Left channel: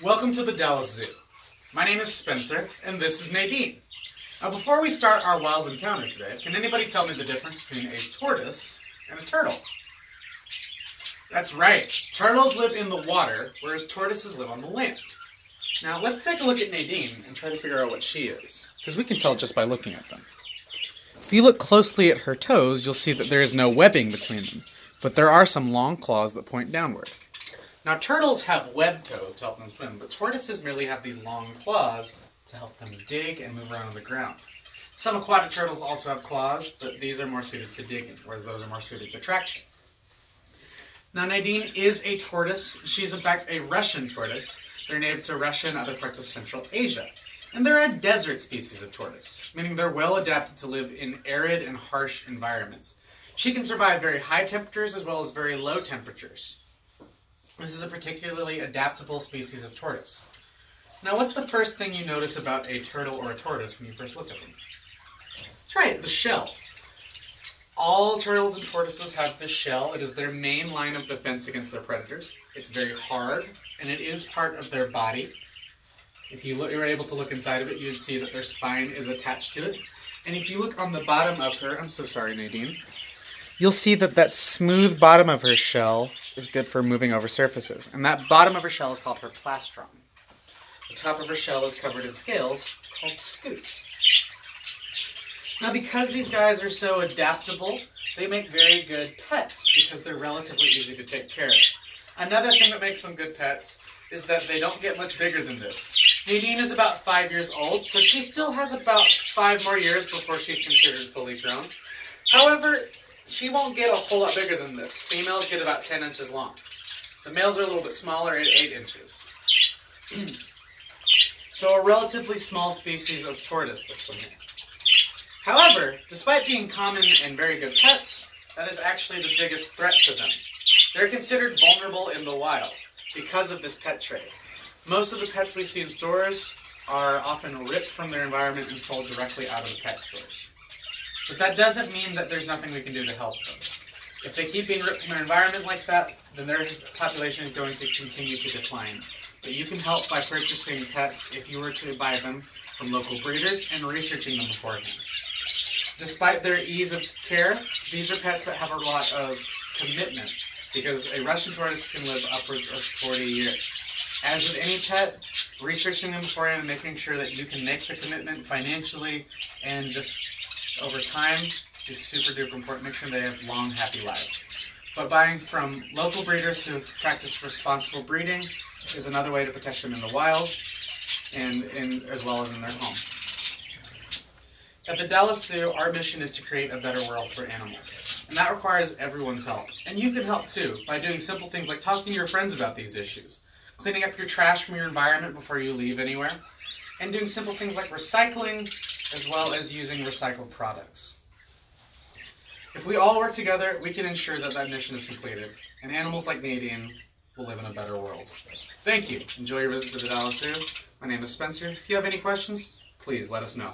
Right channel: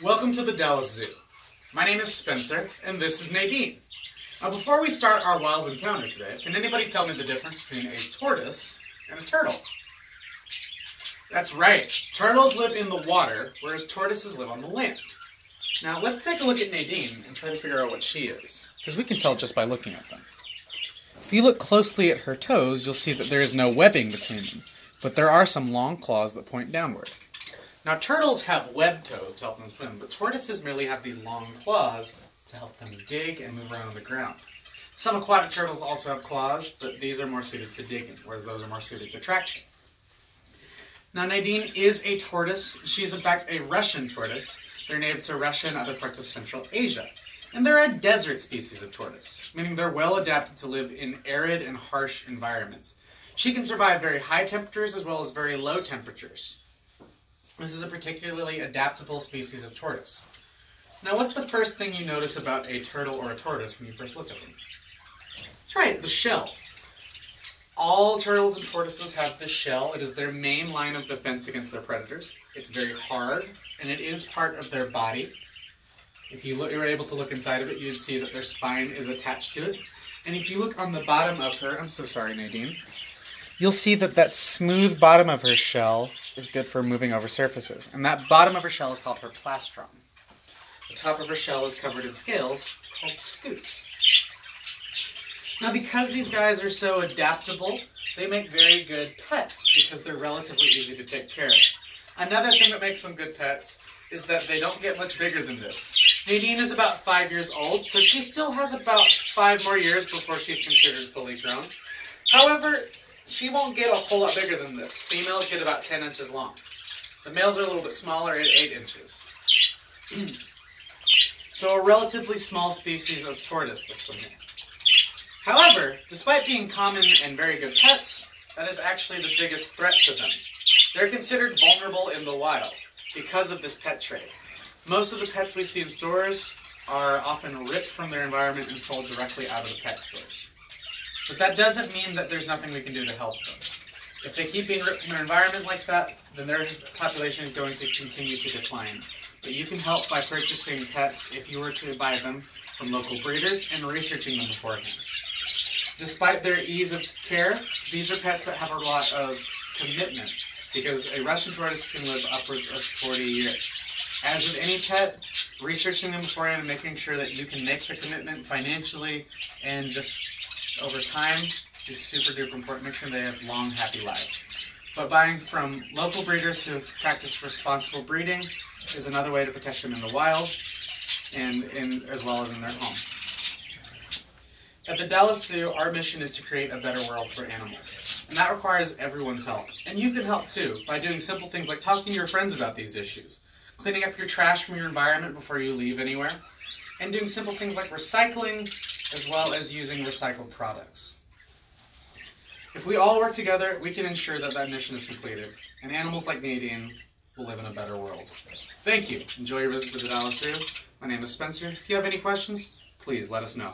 Welcome to the Dallas Zoo. My name is Spencer, and this is Nadine. Now, before we start our wild encounter today, can anybody tell me the difference between a tortoise and a turtle? That's right. Turtles live in the water, whereas tortoises live on the land. Now, let's take a look at Nadine and try to figure out what she is, because we can tell just by looking at them. If you look closely at her toes, you'll see that there is no webbing between them, but there are some long claws that point downward. Now, turtles have webbed toes to help them swim, but tortoises merely have these long claws to help them dig and move around on the ground. Some aquatic turtles also have claws, but these are more suited to digging, whereas those are more suited to traction. Now, Nadine is a tortoise. She's, in fact, a Russian tortoise. They're native to Russia and other parts of Central Asia. And they're a desert species of tortoise, meaning they're well adapted to live in arid and harsh environments. She can survive very high temperatures as well as very low temperatures. This is a particularly adaptable species of tortoise. Now, what's the first thing you notice about a turtle or a tortoise when you first look at them? That's right, the shell. All turtles and tortoises have this shell. It is their main line of defense against their predators. It's very hard, and it is part of their body. If you were able to look inside of it, you'd see that their spine is attached to it. And if you look on the bottom of her, I'm so sorry, Nadine, you'll see that that smooth bottom of her shell is good for moving over surfaces. And that bottom of her shell is called her plastron. The top of her shell is covered in scales called scutes. Now, because these guys are so adaptable, they make very good pets because they're relatively easy to take care of. Another thing that makes them good pets is that they don't get much bigger than this. Nadine is about 5 years old, so she still has about 5 more years before she's considered fully grown. However, she won't get a whole lot bigger than this. Females get about 10 inches long. The males are a little bit smaller at 8 inches. So a relatively small species of tortoise, this one here. However, despite being common and very good pets, that is actually the biggest threat to them. They're considered vulnerable in the wild because of this pet trade. Most of the pets we see in stores are often ripped from their environment and sold directly out of the pet stores. But that doesn't mean that there's nothing we can do to help them. If they keep being ripped from their environment like that, then their population is going to continue to decline. But you can help by purchasing pets if you were to buy them from local breeders and researching them beforehand. Despite their ease of care, these are pets that have a lot of commitment because a Russian tortoise can live upwards of 40 years. As with any pet, researching them beforehand and making sure that you can make the commitment financially and just over time is super duper important. Make sure they have long, happy lives. But buying from local breeders who practice responsible breeding is another way to protect them in the wild and as well as in their home. At the Dallas Zoo, our mission is to create a better world for animals. And that requires everyone's help. And you can help too by doing simple things like talking to your friends about these issues, cleaning up your trash from your environment before you leave anywhere, and doing simple things like recycling as well as using recycled products. If we all work together, we can ensure that that mission is completed, and animals like Nadine will live in a better world. Thank you. Enjoy your visit to the Dallas Zoo. My name is Spencer. If you have any questions, please let us know.